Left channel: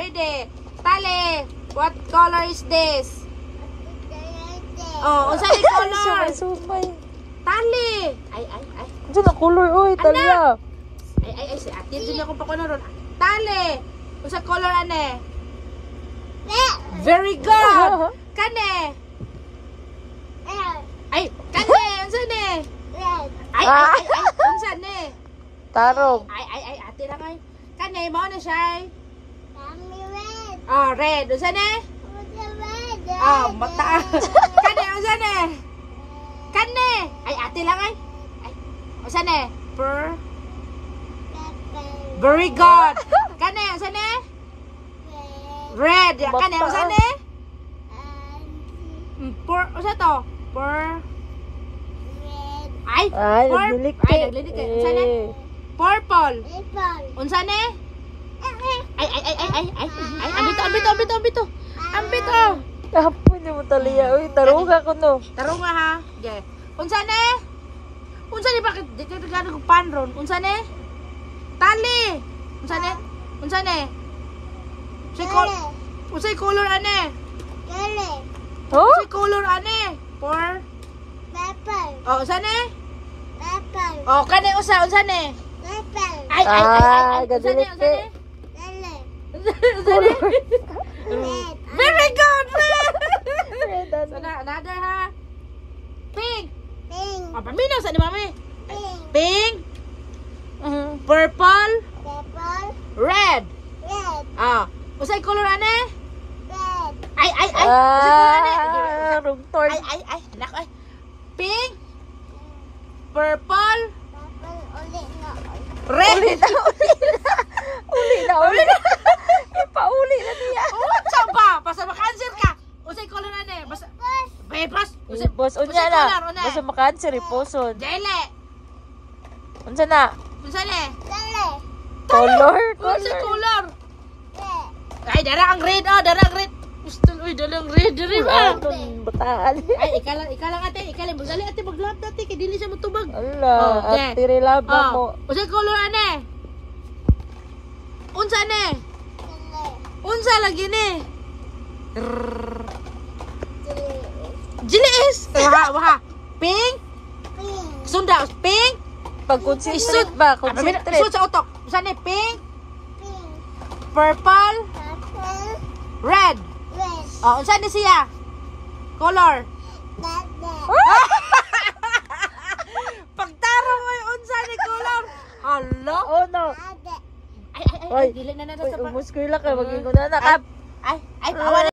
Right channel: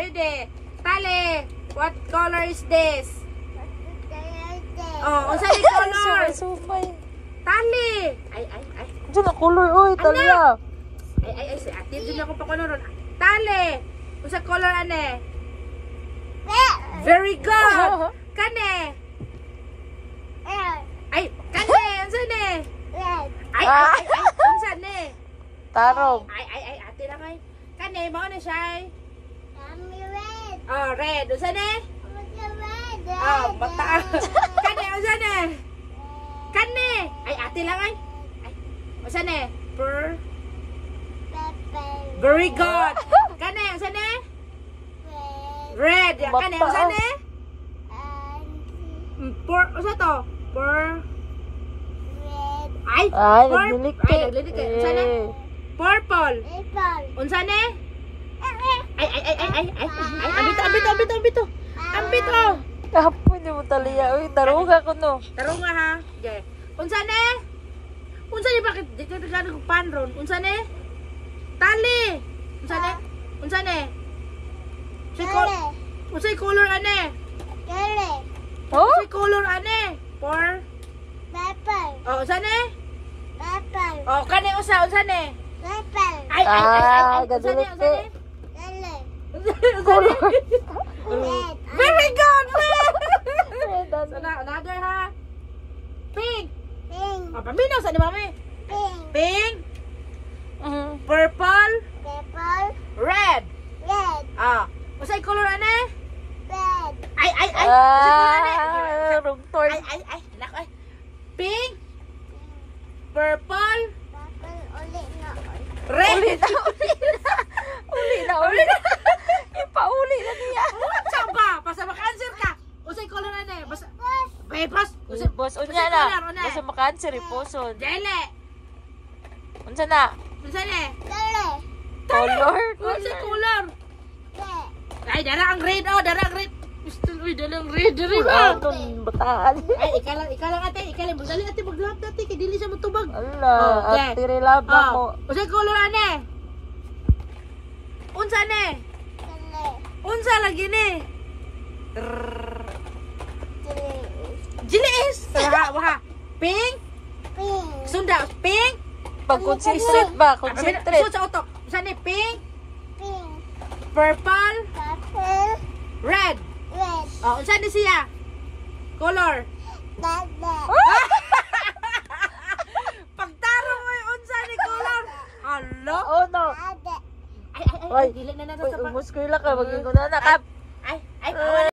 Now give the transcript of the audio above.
ready. Tali, what color is this? Oh, unsa ni color? Sumay. Tali. Ay. Diyan na color, oy, Talia. Ay, si ate, dili ako pa color. Tali. Unsa color ane? Very good. Kane. Ay, kane, unsa ni? Ay, unsa ni? Tarong. Ay, ate lang ay. Kane, mo na siya. Oh, red. Unsa ni? Oh, mata. Kane, unsa ni? Kane. Ay, ate lang ay. Unsa ni? Very good. Kane, unsa ni? Red. Kane, unsa ni? Unsa to? Ay, nagdilik ka. Ay, nagdilik ka. Unsa ni? Purple. Unsa ni? Ay. Ambito. Apo ni mo, Talia. Uy, taruga ko no. Tarunga ha. Okay. Unsa ni? Bakit dito gano ko panron? Unsa ni? Tali. Unsa ni? Unsay color ane? Oh? Unsay color ane? Oh, unsa ni? Oh, kani unsa ni? Ay. Gadilik ka. Very good. Red, ano? Another ha. Pink. Oh, paminaw sa ni mami. Pink. Purple. Red. Ah, unsay color ane? Ay. Unsay color ane? Wrong turn. Ay. Nak ay. Pink. Purple. Red. Uli na. Ipauli na niya. Unsa ba? Basta maka-answer ka. Unsay color ane? Basta Bebas. Boss, unya na. Basta maka-answer, iposon. Dele. Unsa na? Unsa ni? Color. Unsay color? Ay, dara ang red. Gusto dala ang red. Anong bataan? Ay, ikalang ate. Dali ate, maglap ate. Kaya dili siya matubag. Ala, Okay. at tirilaba mo. Unsay color ane? Unsa ni? Unsa lagi ni? Jilis. Waka. Pink. Sunda. Pink. Pag-concentrate ba? Concentrate. Sa utok. Unsa ni? Pink. Purple. Red. Oh, unsa ni siya? Color. Pagtarong mo yung unsa ni color. Hello? Oh no. Ay, dili na Uy, umus ko yung laka. Maging ko na nakap. Ay,